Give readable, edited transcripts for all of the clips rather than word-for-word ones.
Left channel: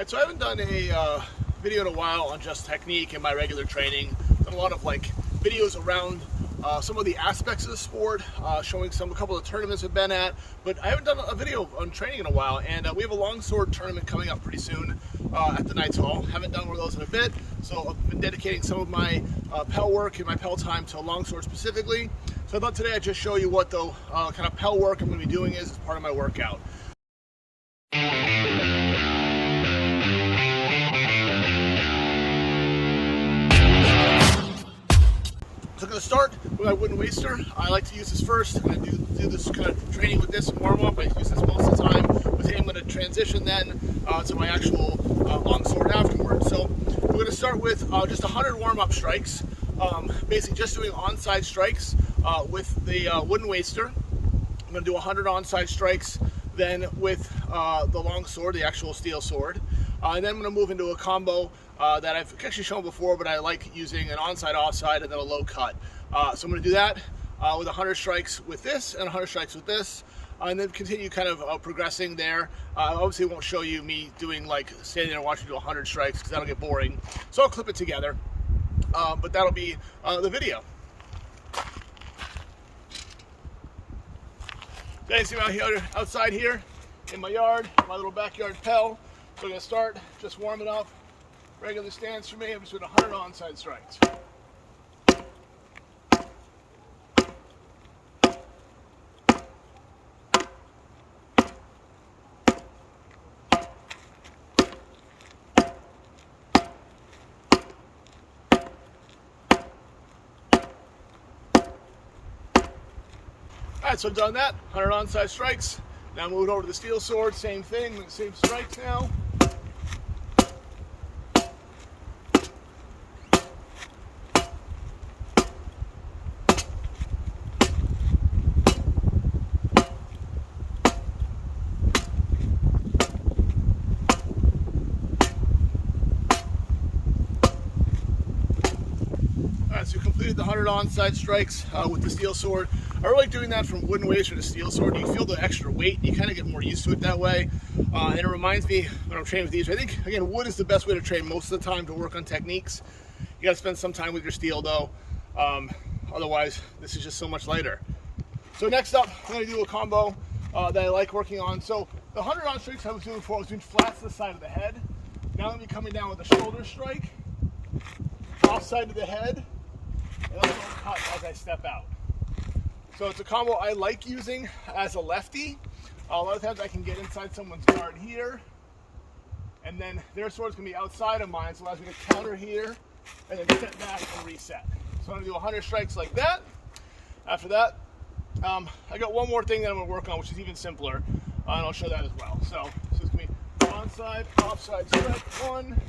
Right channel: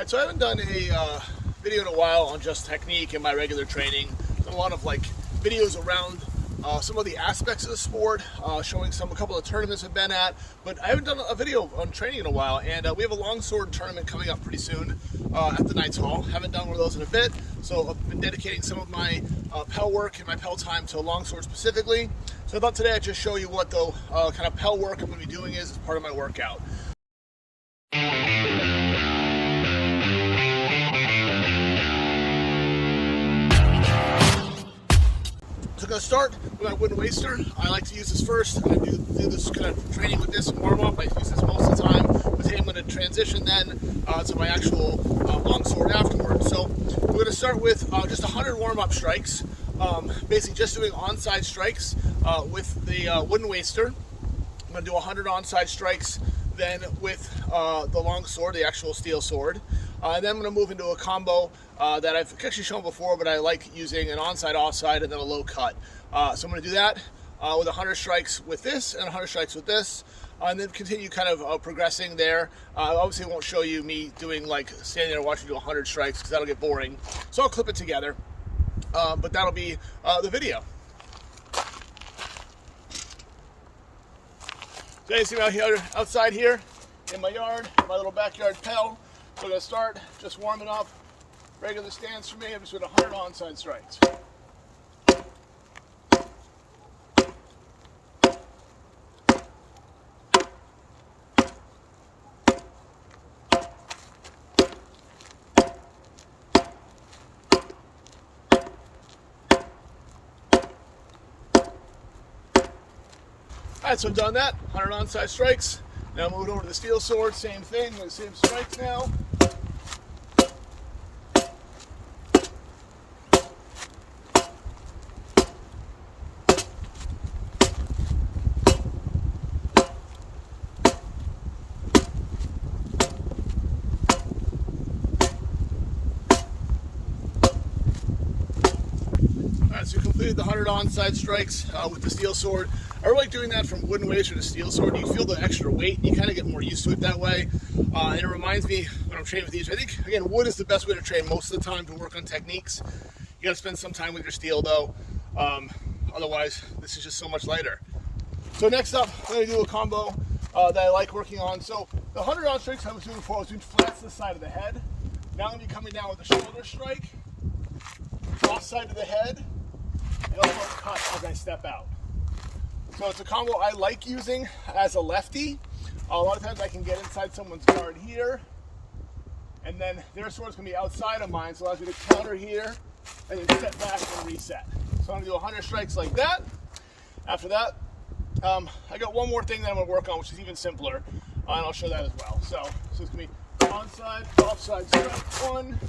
Alright, so I haven't done a video in a while on just technique in my regular training. Done a lot of videos around some of the aspects of the sport, showing a couple of tournaments we've been at, but I haven't done a video on training in a while, and we have a longsword tournament coming up pretty soon at the Knights Hall. Haven't done one of those in a bit, so I've been dedicating some of my Pell work and my Pell time to longsword specifically. So I thought today I'd just show you what the kind of Pell work I'm going to be doing is as part of my workout. So I'm going to start with my wooden waster. I like to use this first. I'm going to do this kind of training with this warm up. I use this most of the time. But today I'm going to transition then to my actual longsword afterwards. So we're going to start with just 100 warm up strikes. Basically just doing onside strikes with the wooden waster. I'm going to do 100 onside strikes then with the longsword, the actual steel sword. And then I'm going to move into a combo that I've actually shown before, but I like using an onside, offside, and then a low cut. So I'm going to do that with 100 strikes with this and 100 strikes with this, and then continue kind of progressing there. Obviously won't show you me doing standing there watching you do 100 strikes because that'll get boring. So I'll clip it together, but that'll be the video. So you see me out here, outside here in my yard, my little backyard Pell. So I'm going to start just warming up. Regular stance for me, I'm just doing 100 onside strikes. Alright, so I've done that, 100 onside strikes. Now moving over to the steel sword, same thing, the same strikes now. So you completed the 100 onside strikes with the steel sword. I really like doing that from wooden waster to steel sword. You feel the extra weight. You kind of get more used to it that way. And it reminds me when I'm training with these, I think, again, wood is the best way to train most of the time to work on techniques. You got to spend some time with your steel, though. Otherwise, this is just so much lighter. So next up, I'm going to do a combo that I like working on. So the 100 on strikes I was doing before, I was doing flats to the side of the head. Now I'm going to be coming down with a shoulder strike, off side of the head, and a low cut as I step out. So it's a combo I like using as a lefty. A lot of times I can get inside someone's guard here, and then their sword's going to be outside of mine, so it allows me to counter here, and then step back and reset. So I'm going to do 100 strikes like that. After that, I got one more thing that I'm going to work on, which is even simpler, and I'll show that as well. So it's going to be onside, offside strike, 1.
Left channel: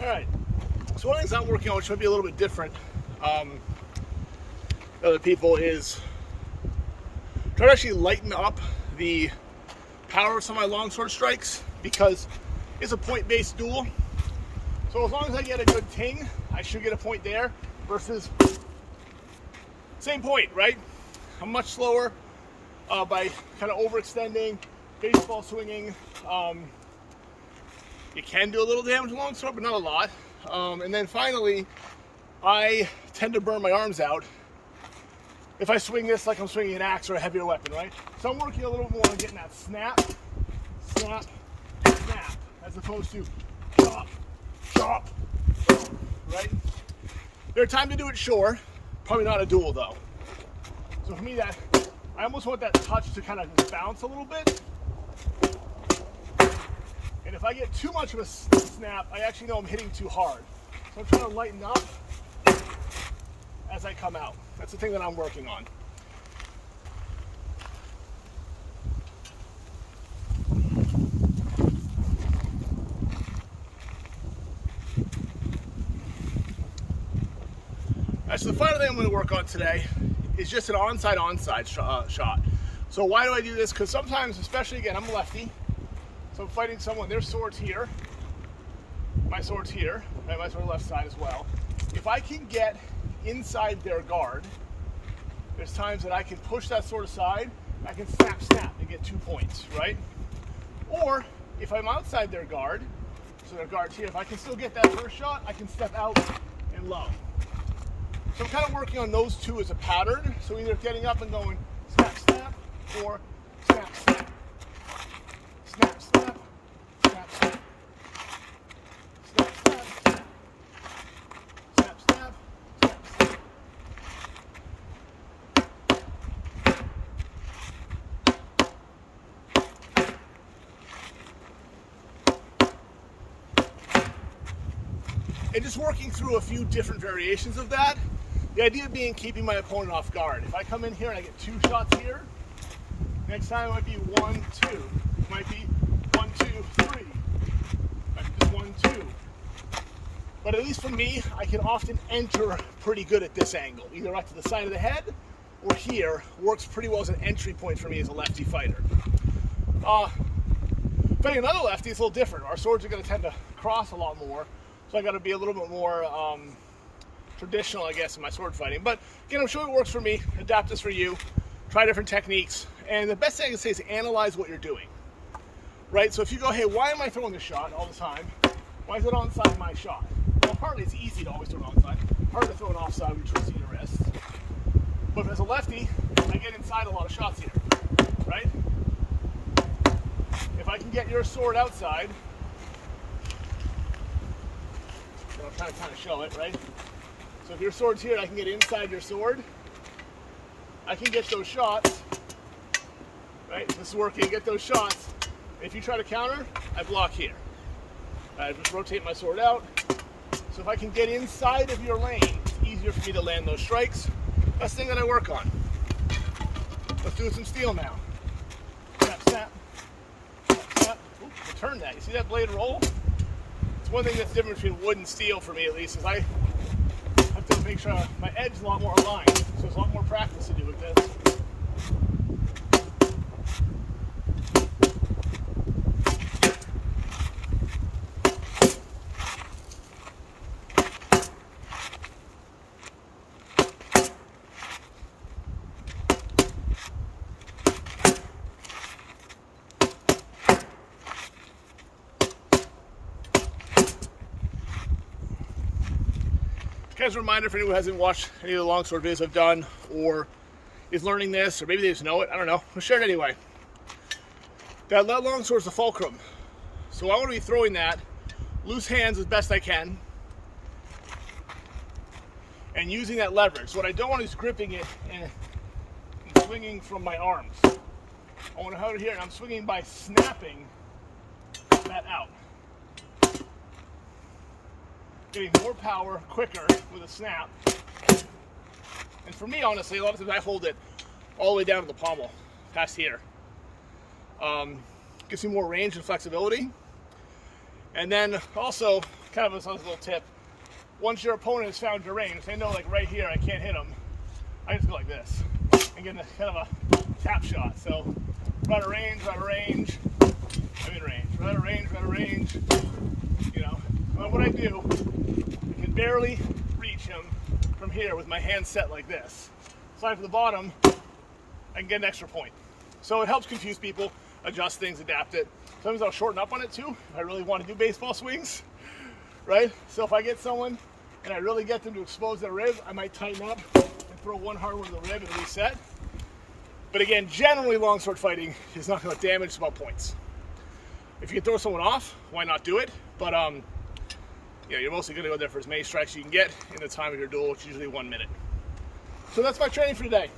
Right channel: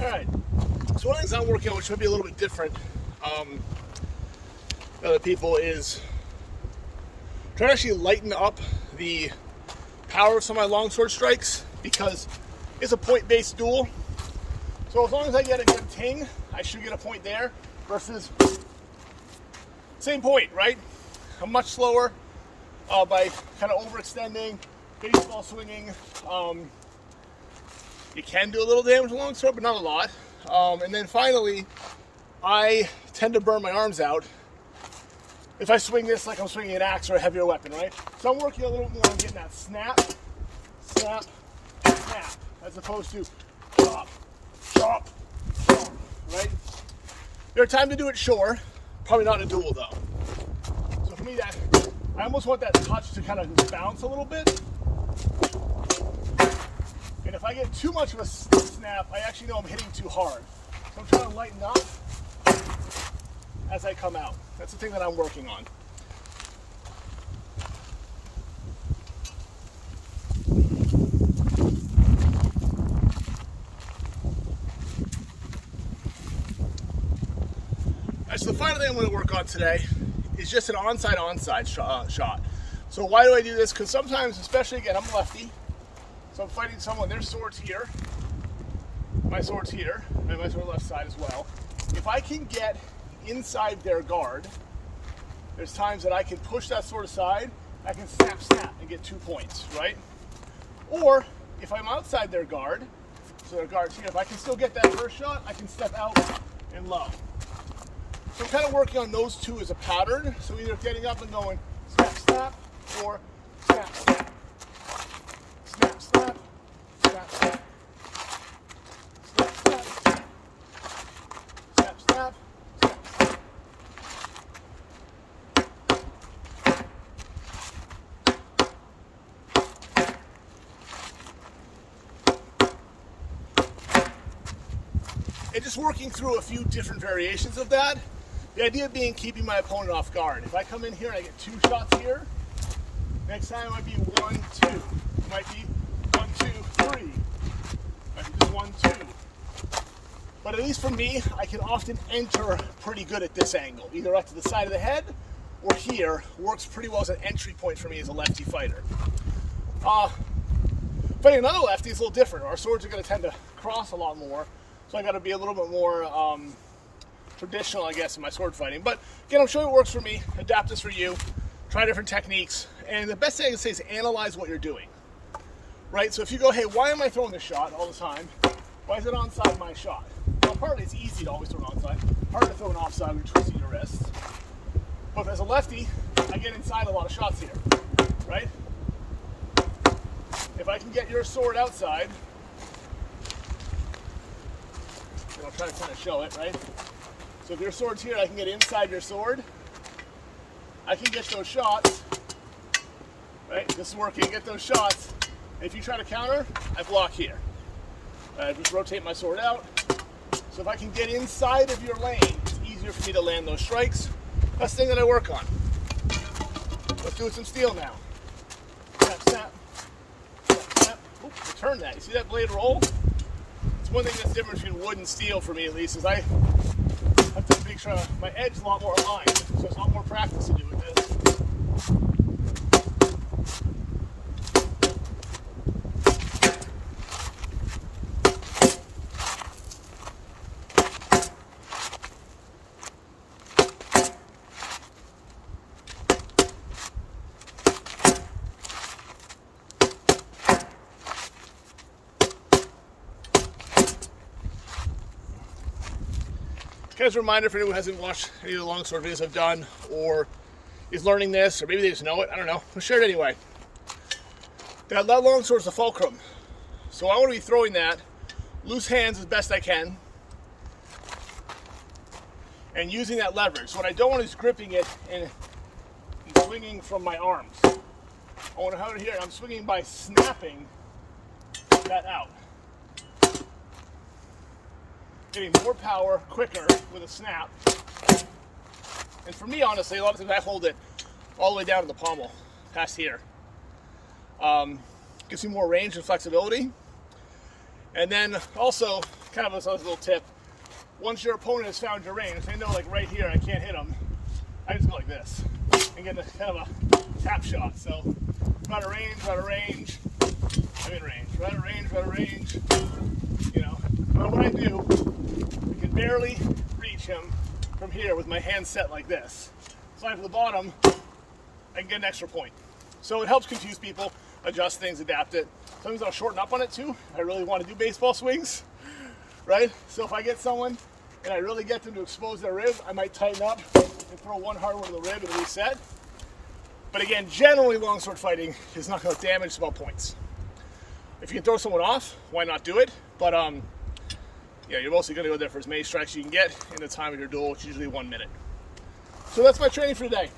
Alright, so one of the things I'm working on, which might be a little bit different than other people, is try to actually lighten up the power of some of my longsword strikes, because it's a point-based duel. So as long as I get a good ting, I should get a point there, versus same point, right? I'm much slower by kind of overextending, baseball swinging. You can do a little damage with longsword, but not a lot. And then finally, I tend to burn my arms out if I swing this like I'm swinging an axe or a heavier weapon, right? So I'm working a little more on getting that snap, snap, snap, as opposed to chop, chop, chop, right? There are times to do it, sure. Probably not in a duel, though. So for me, I almost want that touch to kind of bounce a little bit. And if I get too much of a snap, I actually know I'm hitting too hard. So I'm trying to lighten up as I come out. That's the thing that I'm working on. So the final thing I'm going to work on today is just an onside shot. So why do I do this? Because sometimes, especially again, I'm lefty, so I'm fighting someone, their sword's here, my sword's here, right, my sword left side as well. If I can get inside their guard, there's times that I can push that sword aside, I can snap and get 2 points, right? Or if I'm outside their guard, so their guard's here, if I can still get that first shot, I can step out and low. So I'm kind of working on those two as a pattern. So either getting up and going snap, or snap. Snap, snap, snap, snap. Snap, snap. Snap, snap. And just working through a few different variations of that. The idea being keeping my opponent off guard. If I come in here and I get 2 shots here, next time it might be 1, 2. It might be 1, 2, 3. It might be just 1, 2. But at least for me, I can often enter pretty good at this angle. Either up to the side of the head or here. Works pretty well as an entry point for me as a lefty fighter. Fighting another lefty is a little different. Our swords are going to tend to cross a lot more. So I got to be a little bit more traditional, I guess, in my sword fighting. But again, I'm showing what works for me. Adapt this for you. Try different techniques. And the best thing I can say is analyze what you're doing. Right? So if you go, hey, why am I throwing this shot all the time? Why is it onside my shot? Well, partly it's easy to always throw it onside. Hard to throw it offside when you're twisting your wrists. But as a lefty, I get inside a lot of shots here. Right? If I can get your sword outside, and I'll try to kind of show it, right? So if your sword's here, I can get inside your sword. I can get those shots, right? This is working, get those shots. If you try to counter, I block here. I just rotate my sword out. So if I can get inside of your lane, it's easier for me to land those strikes. That's the thing that I work on. Let's do some steel now. Snap, snap, snap, snap. Oops, return that. You see that blade roll? It's one thing that's different between wood and steel for me, at least, is I have to make sure my edge is a lot more aligned. So there's a lot more practice to do with this. Kind of a reminder for anyone who hasn't watched any of the longsword videos I've done or is learning this, or maybe they just know it, I don't know. I'll share it anyway. That longsword is the fulcrum. So I want to be throwing that loose hands as best I can and using that leverage. What I don't want is gripping it and swinging from my arms. I want to have it here and I'm swinging by snapping that out. Getting more power quicker with a snap. And for me, honestly, a lot of times I hold it all the way down to the pommel, past here. Gives you more range and flexibility. And then also, kind of a little tip, once your opponent has found your range, if they know like right here I can't hit them, I just go like this and get kind of a tap shot. So, we're out of range, I'm in range, we're out of range, you know. But what I do, I can barely reach him from here with my hand set like this. Slide to the bottom, I can get an extra point. So it helps confuse people, adjust things, adapt it. Sometimes I'll shorten up on it too, if I really want to do baseball swings, right? So if I get someone and I really get them to expose their rib, I might tighten up and throw one hard one to the rib and reset. But again, generally longsword fighting is not going to damage, it's about points. If you can throw someone off, why not do it? But yeah, you're mostly going to go there for as many strikes as you can get in the time of your duel, which is usually 1 minute. So that's my training for today.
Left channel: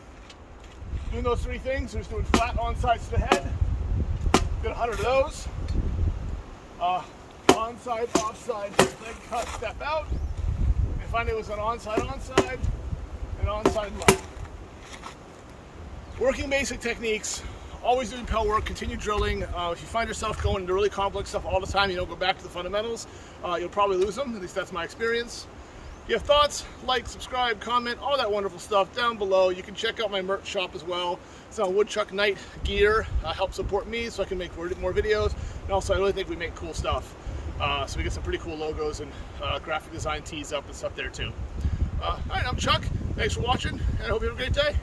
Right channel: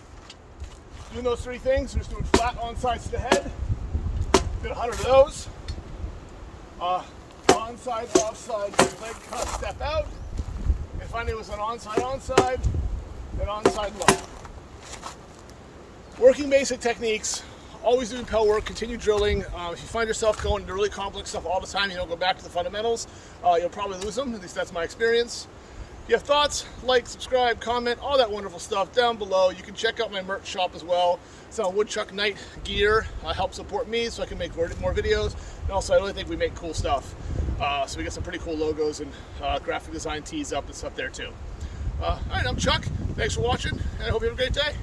Doing those 3 things, we're just doing flat onsides to the head. Did 100 of those. Onside, offside, leg cut, step out. And finally it was an onside, and onside low. Working basic techniques, always doing pel work, continue drilling. If you find yourself going into really complex stuff all the time, you don't go back to the fundamentals, you'll probably lose them. At least that's my experience. If you have thoughts, like, subscribe, comment, all that wonderful stuff down below. You can check out my merch shop as well. It's on Woodchuck Night gear. Help support me so I can make more videos. And also, I really think we make cool stuff. So we get some pretty cool logos and graphic design tees up and stuff there too. All right, I'm Chuck. Thanks for watching, and I hope you have a great day.